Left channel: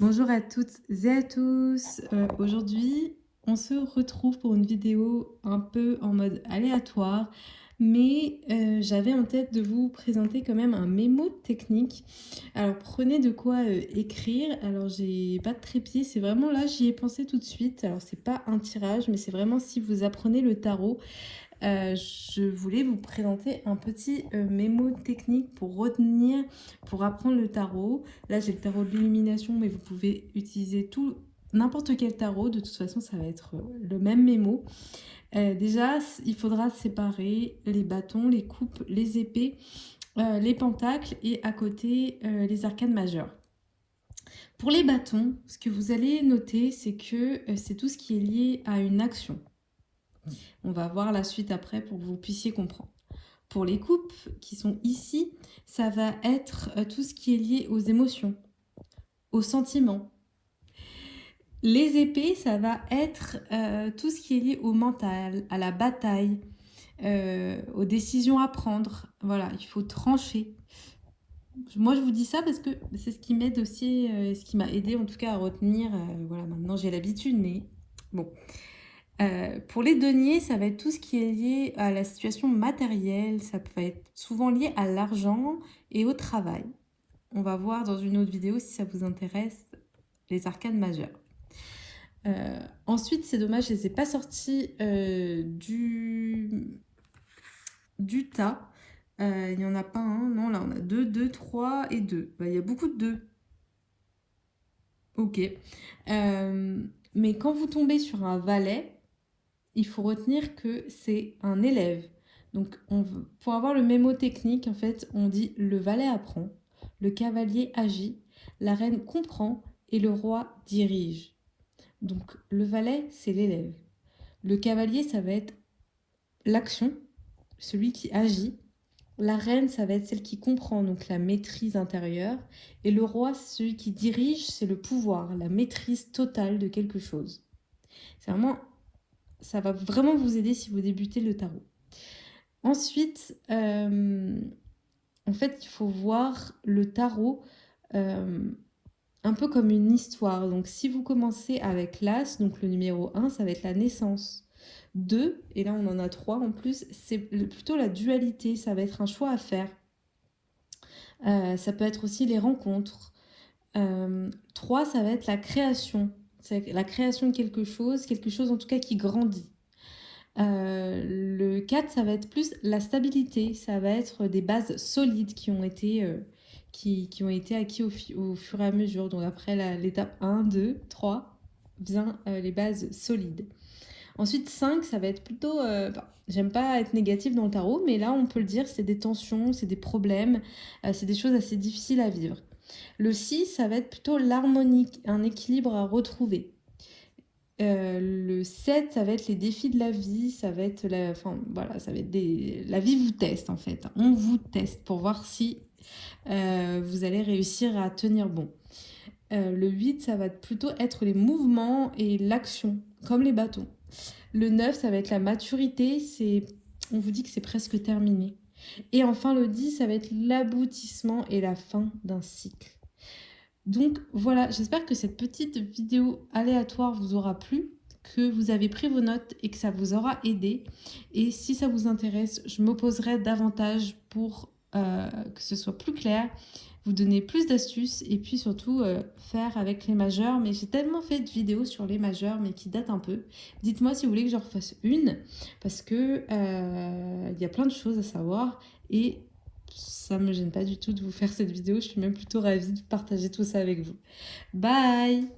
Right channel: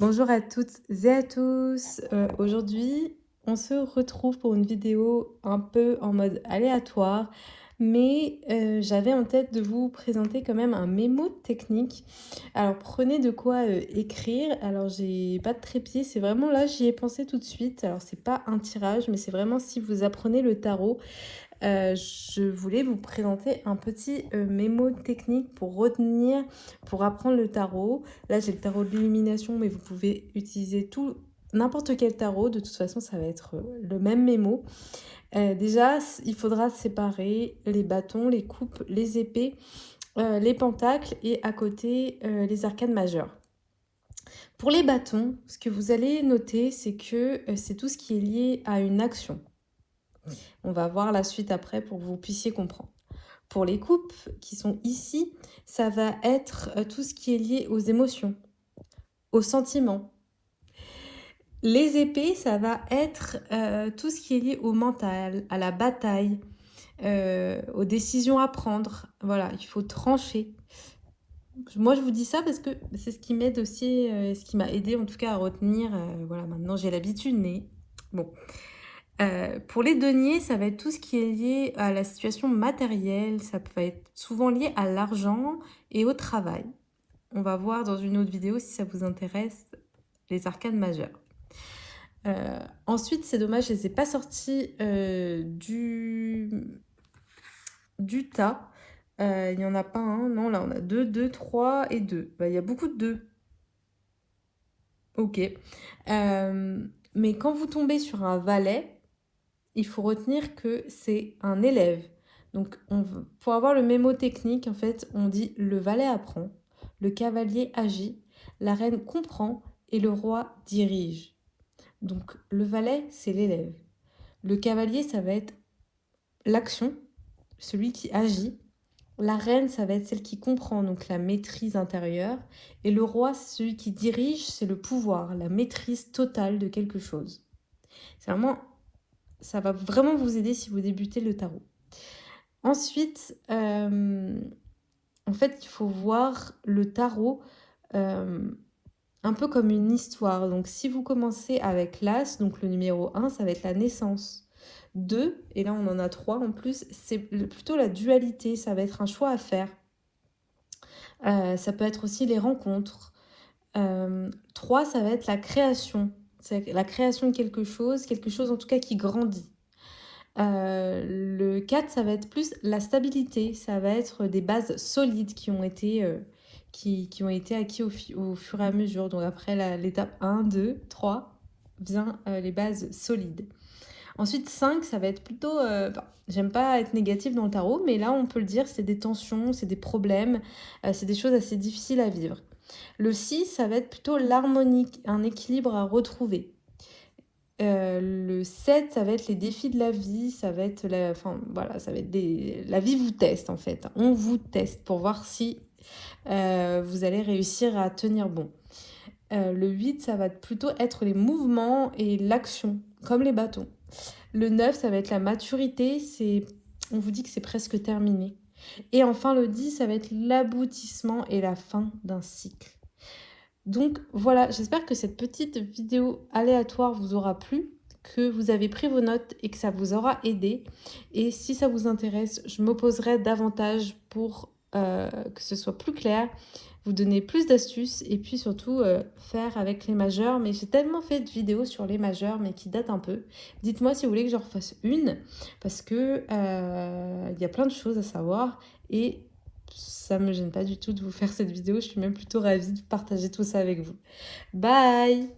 Bonjour à toutes et à tous. Aujourd'hui, on se retrouve pour une vidéo un peu en mode aléatoire, mais j'avais en tête de vous présenter quand même un mémo technique. Alors prenez de quoi écrire. Alors j'ai pas de trépied, c'est vraiment là, j'y ai pensé tout de suite. Alors c'est pas un tirage, mais c'est vraiment si vous apprenez le tarot. Je voulais vous présenter un petit mémo technique pour retenir, pour apprendre le tarot. Là, j'ai le tarot de l'illumination, mais vous pouvez utiliser n'importe quel tarot. De toute façon, ça va être le même mémo. Déjà, il faudra séparer les bâtons, les coupes, les épées, les pentacles et à côté les arcanes majeures. Pour les bâtons, ce que vous allez noter, c'est que c'est tout ce qui est lié à une action. On va voir la suite après pour que vous puissiez comprendre. Pour les coupes qui sont ici, ça va être tout ce qui est lié aux émotions, aux sentiments. Les épées, ça va être tout ce qui est lié au mental, à la bataille, aux décisions à prendre. Voilà, il faut trancher. Moi, je vous dis ça parce que c'est ce qui m'aide aussi, ce qui m'a aidé en tout cas à retenir. Voilà, maintenant j'ai l'habitude, mais bon. Pour les deniers, ça va être tout ce qui est lié à la situation matérielle, ça peut être souvent lié à l'argent et au travail. On va voir dans une autre vidéo si ça vous intéresse les arcanes majeures. Ensuite, c'est dommage, je ne les ai pas sortis du tas. Il n'y en a pas un, non, là on a 2, 2, 3 et 2. Il y a beaucoup de 2. Ok. Mais quand vous tombez sur un valet, il faut retenir que c'est un élève. Donc, pour avoir le mémo technique, en fait, on dit le valet apprend, le cavalier agit, la reine comprend et le roi dirige. Donc, le valet, c'est l'élève. Le cavalier, ça va être l'action, celui qui agit. La reine, ça va être celle qui comprend, donc la maîtrise intérieure. Et le roi, celui qui dirige, c'est le pouvoir, la maîtrise totale de quelque chose. C'est vraiment, ça va vraiment vous aider si vous débutez le tarot. Ensuite, en fait, il faut voir le tarot un peu comme une histoire. Donc, si vous commencez avec l'As, donc le numéro 1, ça va être la naissance. 2, et là on en a 3 en plus, c'est plutôt la dualité, ça va être un choix à faire. Ça peut être aussi les rencontres. 3, ça va être la création. C'est la création de quelque chose en tout cas qui grandit. Le 4, ça va être plus la stabilité, ça va être des bases solides qui ont été, qui ont été acquis au fur et à mesure. Donc après l'étape 1, 2, 3, vient les bases solides. Ensuite, 5, ça va être plutôt... j'aime pas être négative dans le tarot, mais là, on peut le dire, c'est des tensions, c'est des problèmes, c'est des choses assez difficiles à vivre. Le 6, ça va être plutôt l'harmonique, un équilibre à retrouver. Le 7, ça va être les défis de la vie, ça va être la vie vous teste en fait. On vous teste pour voir si vous allez réussir à tenir bon. Le 8, ça va plutôt être les mouvements et l'action, comme les bâtons. Le 9, ça va être la maturité, on vous dit que c'est presque terminé. Et enfin le 10, ça va être l'aboutissement et la fin d'un cycle. Donc voilà, j'espère que cette petite vidéo aléatoire vous aura plu, que vous avez pris vos notes et que ça vous aura aidé. Et si ça vous intéresse, je m'opposerai davantage pour que ce soit plus clair, vous donner plus d'astuces et puis surtout faire avec les majeurs. Mais j'ai tellement fait de vidéos sur les majeurs, mais qui datent un peu. Dites-moi si vous voulez que j'en refasse une, parce que y a plein de choses à savoir et ça me gêne pas du tout de vous faire cette vidéo. Je suis même plutôt ravie de partager tout ça avec vous. Bye!